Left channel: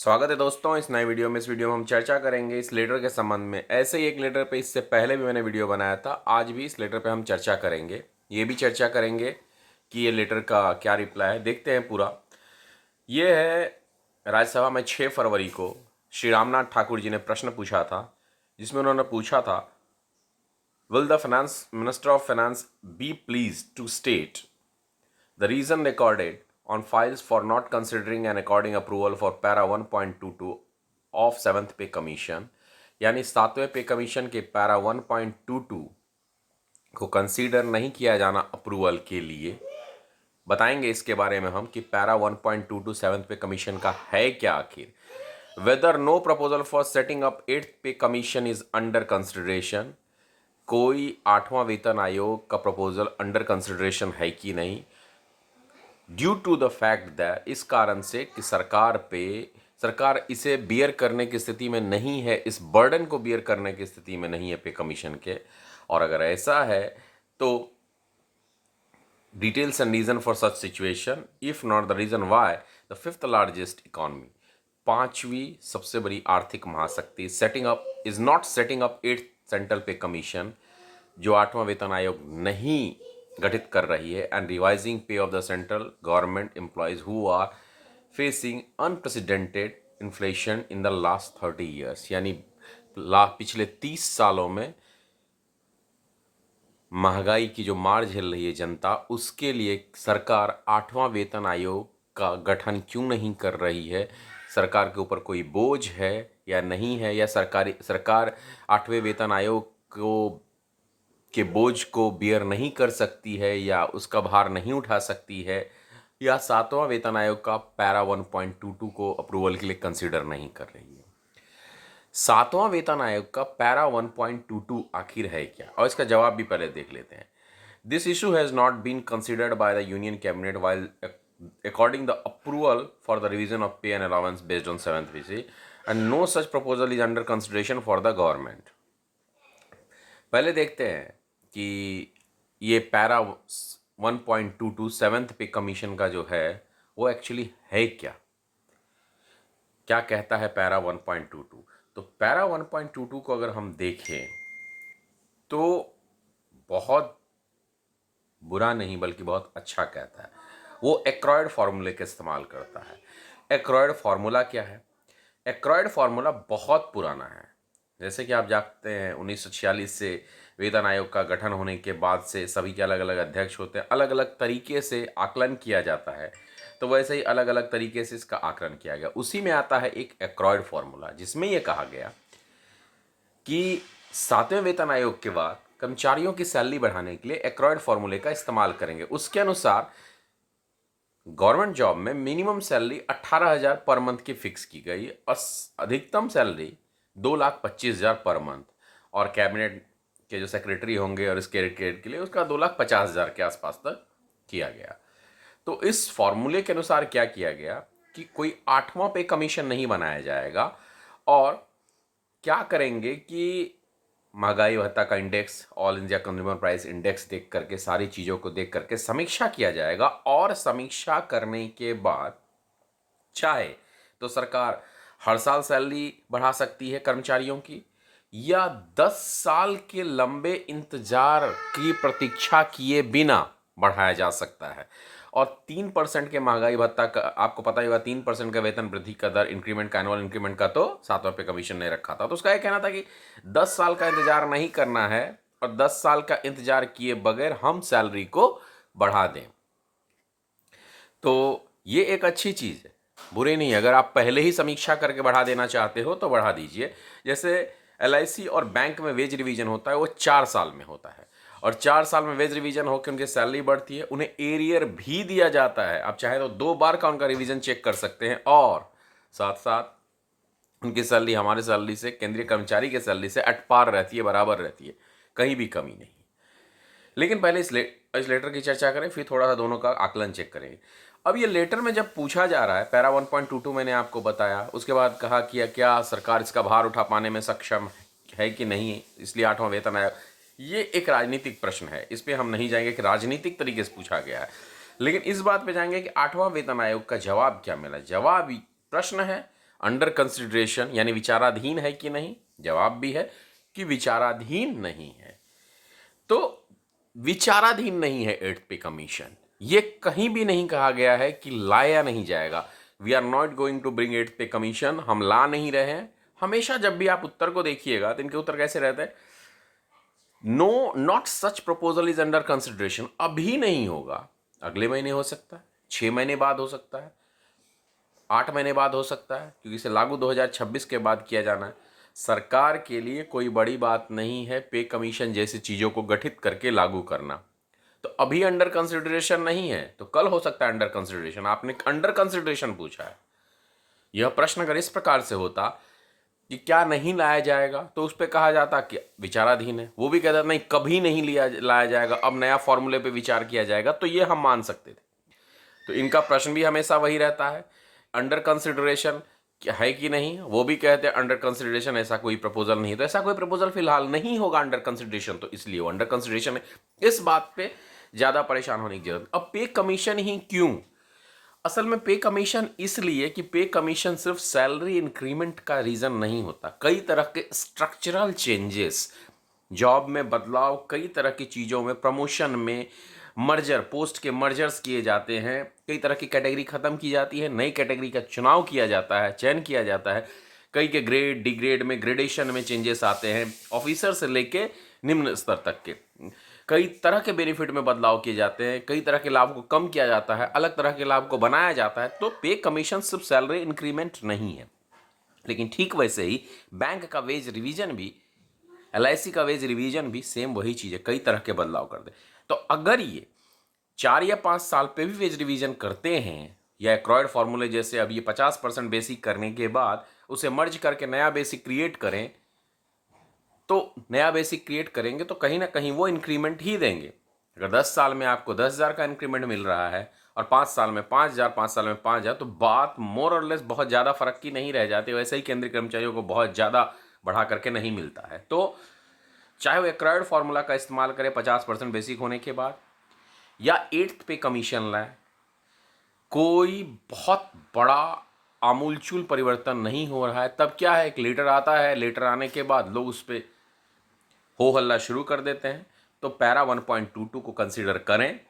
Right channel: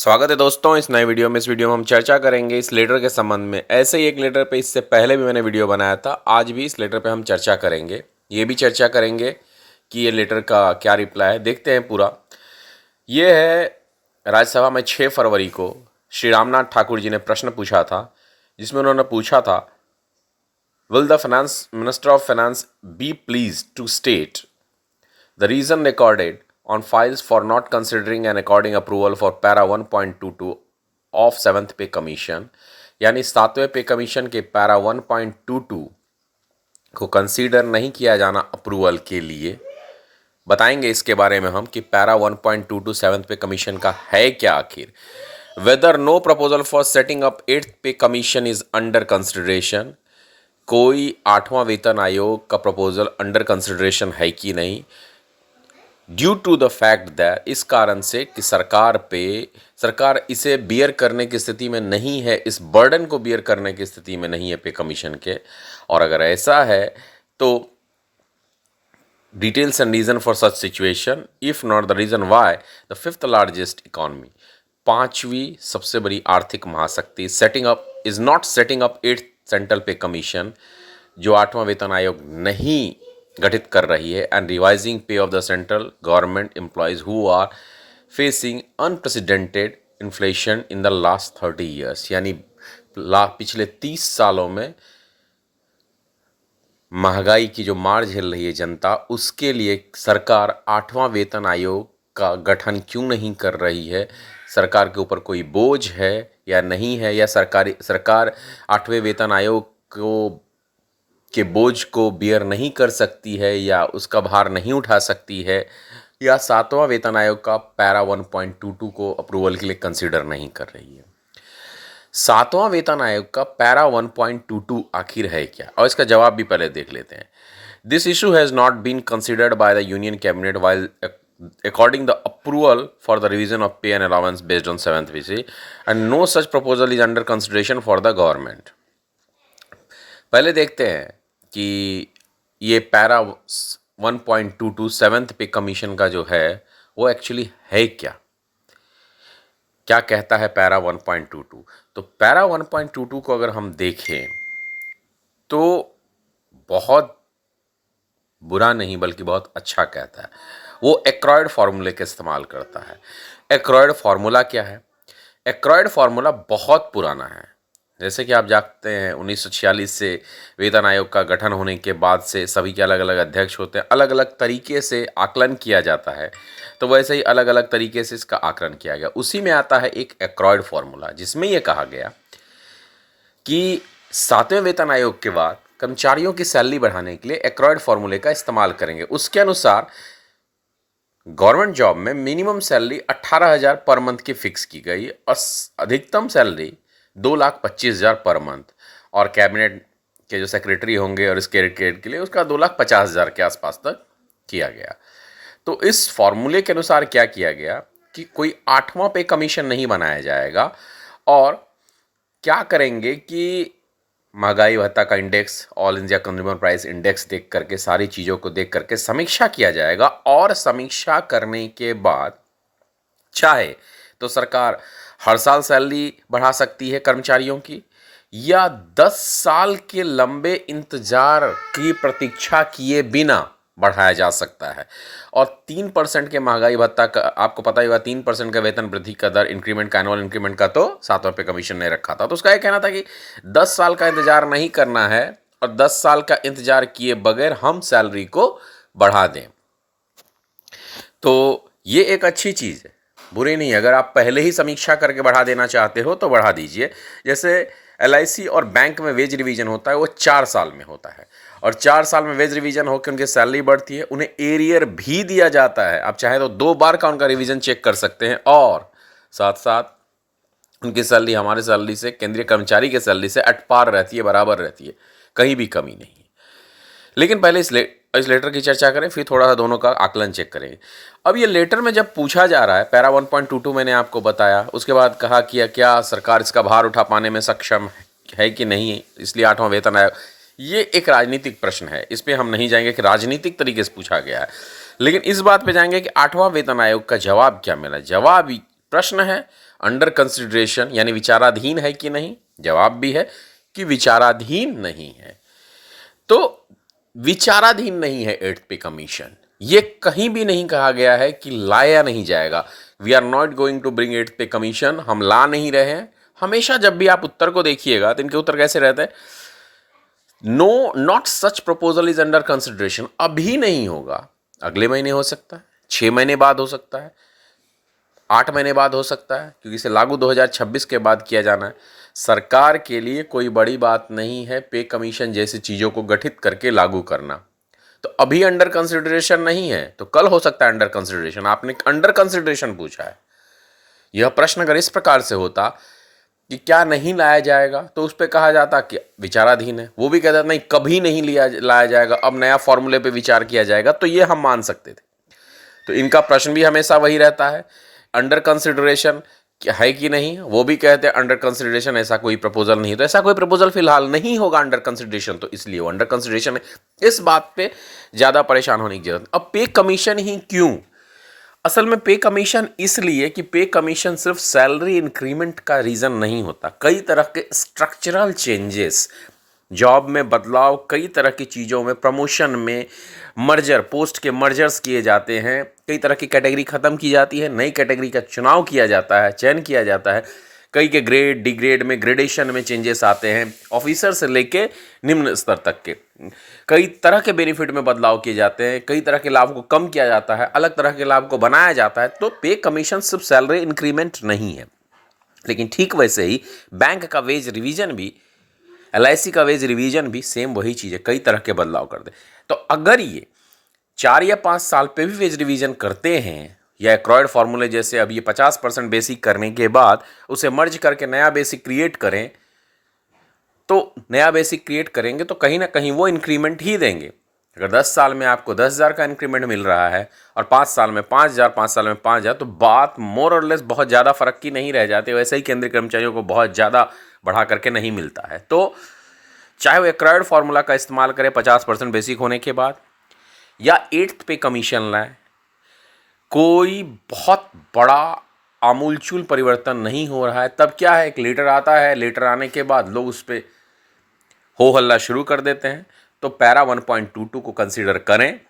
स्वागत है दोस्तों इस नए वीडियो में। इस वीडियो में हम चर्चा करेंगे इस लेटर के संबंध में। ऐसे ही एक लेटर पे इससे पहले भी मैंने वीडियो बनाया था, आज भी इस लेटर पे हम चर्चा करेंगे। ये भी चर्चा करेंगे कि ये लेटर का क्या रिप्लाई है। देखते हैं पूरा। ये है राज्यसभा में 6 फरवरी को श्री रामनाथ ठाकुर जी ने प्रश्न पूछा था, जिसमें उन्होंने पूछा था, will the finance minister of finance be please to state the reason recorded on files for not considering and according approval for para 1.22 of 7th पे कमीशन, यानी 7वें पे कमीशन के पैरा 1.22 को कंसीडर नहीं किया जाना अप्रूवल के लिए। बताएंगे इसके बारे में हम कि पैरा 1.22 7th पे कमीशन का है क्या आखिर। Whether no proposal for setting up 8th pay commission is under consideration, कोई 8वां वेतन आयोग का प्रपोजल अंडर कंसिडरेशन है कि नहीं। Due to the fact that, इस कारण से कि सरकार इसे बियर करने की स्थिति में नहीं है, इस बर्डन को बियर करने की स्थिति में नहीं है पे कमीशन के। और अगर ऐसा है तो details and reason for such situation, if not the reason why the 5th largest economy, 5वीं सबसे बड़ी आर्थिक महाशक्ति setting up is not setting up 8th central pay commission, जो 8वां वेतन आयोग नहीं गठित कर रही है, and revising pay of the central government employees who are facing unprecedented inflation in the last 30 years, यानी पिछले 30 सालों में महंगाई की जो मार झेल रही है जनता, उसके लिए सरकार 8वां वेतन आयोग का गठन क्यों नहीं कर रही है। सरकार के ऊपर कोई बोझ है या नहीं है, या सरकार 8वें वेतन आयोग के बोझ को बियर नहीं कर सकती है, या उसका भार नहीं उठा सकती है, या 7वां वेतन आयोग का पैरा 1.22 को अप्रूवल के लिए कंसीडर नहीं कर रही है। 7वां वेतन आयोग का पैरा 1.22 आखिर है क्या, और इसका जवाब भी पहले देख लेते हैं। This issue has not been considered by the union cabinet while according the approval for the revision of pay and allowance based on 7th VC, and no such proposal is under consideration for the government। पहले देखते हैं कि ये para 1.22 7th पे commission का जो है वो एक्चुअली है क्या, क्या कहता है पैरा 1.22। तो पैरा 1.22 को अगर हम देखें तो बहुत बुरा नहीं बल्कि बहुत अच्छा कहता है। वो एक्रॉयड फार्मूले का इस्तेमाल करता है। एक्रॉयड फार्मूला क्या है? एक्रॉयड फार्मूला बहुत पुराना है। जैसे कि आप जानते हैं 1946 से वेतन आयोग का गठन होने के बाद से सभी के अलग अलग अध्यक्ष होते हैं, अलग अलग तरीके से आकलन किया जाता है। तो वैसे ही अलग अलग तरीके से इसका आकलन किया गया। उसी में आता है एक एक्रॉयड फार्मूला, जिसमें यह कहा गया कि 7वें वेतन आयोग के बाद कर्मचारियों की सैलरी बढ़ाने के लिए एक्रॉयड फार्मूले का इस्तेमाल करेंगे। उसके अनुसार गवर्नमेंट जॉब में मिनिमम सैलरी 18,000 पर मंथ की फिक्स की गई और अधिकतम सैलरी 2,25,000 पर मंथ, और कैबिनेट के जो सेक्रेटरी होंगे और इसके ग्रेड के लिए उसका 2,50,000 के आसपास तक किया गया। तो इस फॉर्मूले के अनुसार क्या किया गया कि कोई 8वां पे कमीशन नहीं बनाया जाएगा, और क्या करेंगे कि महंगाई भत्ता का index, all India consumer price index देख करके, सारी चीज़ों को देख करके समीक्षा किया जाएगा, और समीक्षा करने के बाद चाहे तो सरकार हर साल सैलरी बढ़ा सकती है कर्मचारियों की, या 10 साल के लंबे इंतजार की प्रतीक्षा किए बिना बढ़ाया जा सकता है। और 3% के महंगाई भत्ता का आपको पता ही होगा, 3% का वेतन वृद्धि का दर इंक्रीमेंट का, एनुअल इंक्रीमेंट का तो 7वें पे कमीशन ने रखा था। तो उसका यह कहना था कि 10 साल का इंतजार नहीं करना है, और 10 साल का इंतजार किए बगैर हम सैलरी को बढ़ा दें। तो ये एक अच्छी चीज़ है, बुरी नहीं। अगर आप पहले ही समीक्षा करके बढ़ा देना चाहते हो तो बढ़ा दीजिए। जैसे LIC और बैंक में वेज रिवीजन होता है, वो 4 साल में होता है, और 4 साल में वेज रिवीजन होकर उनकी सैलरी बढ़ती है। उन्हें एरियर भी दिया जाता है, आप चाहे तो 2 बार का उनका रिवीजन चेक कर सकते हैं, और साथ साथ उनकी सैलरी हमारे सैलरी से, केंद्रीय कर्मचारी के सैलरी से एट पार रहती है, बराबर रहती है, कहीं भी कमी नहीं। लेकिन पहले इस लेटर की चर्चा करें, फिर थोड़ा सा दोनों का आकलन चेक करेंगे। अब ये लेटर में जब पूछा जा रहा है, पैरा 1.22 मैंने आपको बताया, उसके बाद कहा कि क्या सरकार इसका भार उठा पाने में सक्षम है कि नहीं, इसलिए 8वां वेतन आयोग। ये एक राजनीतिक प्रश्न है, इस पर हम नहीं जाएंगे कि राजनीतिक तरीके से पूछा गया है, लेकिन इस बात पे जाएंगे कि 8वां वेतन आयोग का जवाब क्या मिला। जवाब प्रश्न है अंडर कंसिडरेशन यानी विचाराधीन है कि नहीं? जवाब भी है कि विचाराधीन नहीं है। तो विचाराधीन नहीं है 8th पे कमीशन, ये कहीं भी नहीं कहा गया है कि लाया नहीं जाएगा। We are not going to bring 8th pay commission, हम ला नहीं रहे हैं। हमेशा जब भी आप उत्तर को देखिएगा तो इनके उत्तर कैसे रहते हैं? No, not such proposal is under consideration. अभी नहीं होगा, अगले महीने हो सकता है, 6 महीने बाद हो सकता है, 8 महीने बाद हो सकता है, क्योंकि इसे लागू 2026 के बाद किया जाना है। सरकार के लिए कोई बड़ी बात नहीं है पे कमीशन जैसी चीज़ों को गठित करके लागू करना। तो अभी अंडर कंसिडरेशन नहीं है, तो कल हो सकता है अंडर कंसिडरेशन। आपने अंडर कंसिडरेशन पूछा है। यह प्रश्न अगर इस प्रकार से होता कि क्या नहीं लाया जाएगा, तो उस पर कहा जाता कि विचाराधीन है। वो भी कहता नहीं, कभी नहीं लाया जाएगा, अब नया फॉर्मूले पे विचार किया जाएगा, तो ये हम मान सकते थे। तो इनका प्रश्न भी हमेशा वही रहता है, अंडर कंसिडरेशन है कि नहीं। वो भी कहते हैं अंडर कंसिडरेशन, ऐसा कोई प्रपोजल नहीं। तो ऐसा कोई प्रपोजल फिलहाल नहीं होगा अंडर कंसिडरेशन, तो इसलिए वो अंडर कंसिडरेशन है। इस बात पे ज़्यादा परेशान होने की जरूरत। अब पे कमीशन ही क्यों? असल में पे कमीशन इसलिए कि पे कमीशन सिर्फ सैलरी इंक्रीमेंट का रीज़न नहीं होता। कई तरह के स्ट्रक्चरल चेंजेस, जॉब में बदलाव, कई तरह की चीज़ों में, प्रमोशन में, मर्जर, पोस्ट के मर्जर्स किए जाते हैं, कई तरह की कैटेगरी ख़त्म की जाती है, नई कैटेगरी का चुनाव किया जाता है, चयन किया जाता है। कई के ग्रेड, डिग्रेड में, ग्रेडेशन में चेंजेस आते हैं, ऑफिसर से लेके निम्न स्तर तक के। कई तरह के बेनिफिट में बदलाव किए जाते हैं, कई तरह के लाभ को कम किया जाता है, अलग तरह के लाभ को बनाया जाता है। तो पे कमीशन सिर्फ सैलरी इंक्रीमेंट नहीं है। लेकिन ठीक वैसे ही बैंक का वेज रिवीजन भी, LIC का वेज रिवीजन भी सेम वही चीज़ है, कई तरह के बदलाव कर दे। तो अगर ये 4 या 5 साल पे भी वेज रिवीजन करते हैं, या एक्रॉयड फार्मूले जैसे अब ये 50% बेसिक करने के बाद उसे मर्ज करके नया बेसिक क्रिएट करें, तो नया बेसिक क्रिएट करेंगे तो कहीं ना कहीं वो इंक्रीमेंट ही देंगे। अगर 10 साल में आपको 10,000 का इंक्रीमेंट मिल रहा है और 5 साल में 5,000, 5 साल में 5,000, तो बात मोर और लेस बहुत ज़्यादा फ़र्क की नहीं रह जाती। वैसे ही केंद्रीय कर्मचारियों को बहुत ज़्यादा बढ़ा करके नहीं मिलता है। तो चाहे वो एक्रायड फार्मूला का इस्तेमाल करें 50% बेसिक होने के बाद, या 8th पे कमीशन लाएं, कोई बहुत बड़ा आमूलचूल परिवर्तन नहीं हो रहा है। तब क्या है, एक लेटर आता है, लेटर आने के बाद लोग उस पर हो हल्ला शुरू कर देते हैं। तो पैरा 1.22 को कंसीडर करें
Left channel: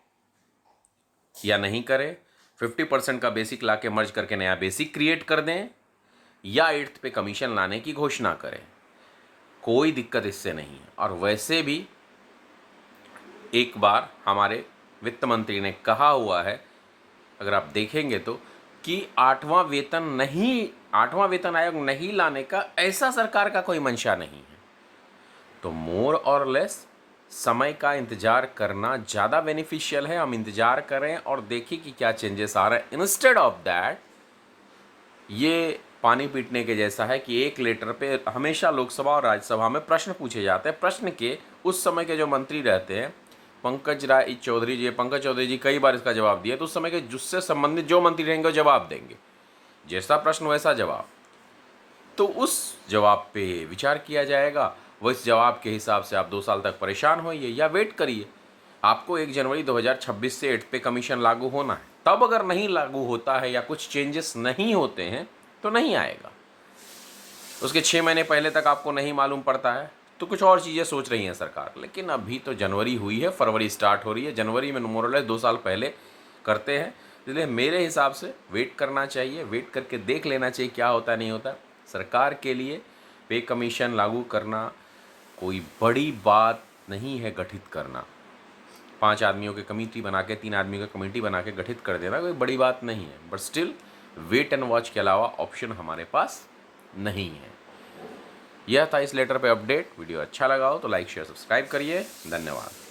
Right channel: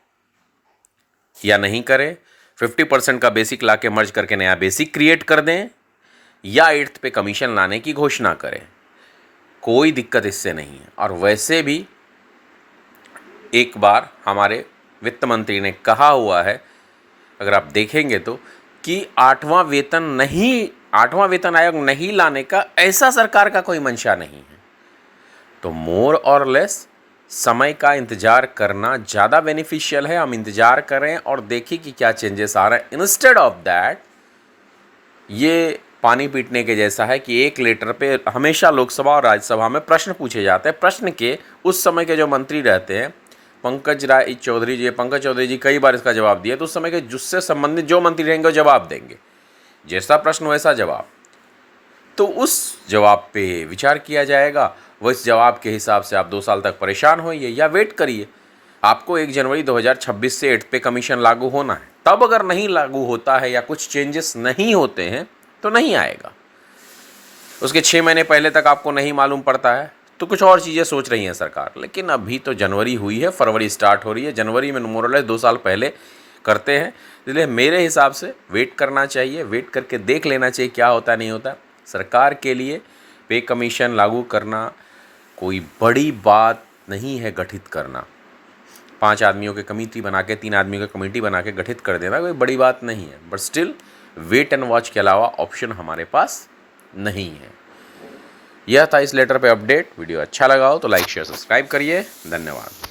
या नहीं करें, 50% का बेसिक ला के मर्ज करके नया बेसिक क्रिएट कर दें, या 8th पे कमीशन लाने की घोषणा करें, कोई दिक्कत इससे नहीं है। और वैसे भी एक बार हमारे वित्त मंत्री ने कहा हुआ है, अगर आप देखेंगे तो, कि 8वां वेतन आयोग नहीं लाने का ऐसा सरकार का कोई मंशा नहीं है। तो मोर और लेस समय का इंतज़ार करना ज़्यादा बेनिफिशियल है। हम इंतज़ार करें और देखें कि क्या चेंजेस आ रहे हैं। इंस्टेड ऑफ दैट, ये पानी पीटने के जैसा है कि एक लेटर पे हमेशा लोकसभा और राज्यसभा में प्रश्न पूछे जाते हैं। प्रश्न के उस समय के जो मंत्री रहते हैं, पंकज चौधरी जी कई बार इसका जवाब दिया। तो उस समय के जिससे संबंधित जो मंत्री रहेंगे वो जवाब देंगे, जैसा प्रश्न वैसा जवाब। तो उस जवाब पे विचार किया जाएगा। वो इस जवाब के हिसाब से आप 2 साल तक परेशान होइए या वेट करिए। आपको 1 जनवरी 2026 से 8th पे कमीशन लागू होना है। तब अगर नहीं लागू होता है या कुछ चेंजेस नहीं होते हैं तो नहीं आएगा। उसके 6 महीने पहले तक आपको नहीं मालूम पड़ता है तो कुछ और चीज़ें सोच रही है सरकार। लेकिन अभी तो जनवरी हुई है, फरवरी स्टार्ट हो रही है, जनवरी में मोर और लेस 2 साल पहले करते हैं। इसलिए मेरे हिसाब से वेट करना चाहिए, वेट करके देख लेना चाहिए क्या होता नहीं होता। सरकार के लिए पे कमीशन लागू करना कोई बड़ी बात नहीं है। गठित करना, 5 आदमियों की कमेटी बना के, 3 आदमियों की कमेटी बना के गठित कर देना कोई बड़ी बात नहीं है। But still wait and watch के अलावा ऑप्शन हमारे पास नहीं है। यह था इस लेटर पे अपडेट। वीडियो अच्छा लगा हो तो लाइक शेयर सब्सक्राइब करिए। धन्यवाद।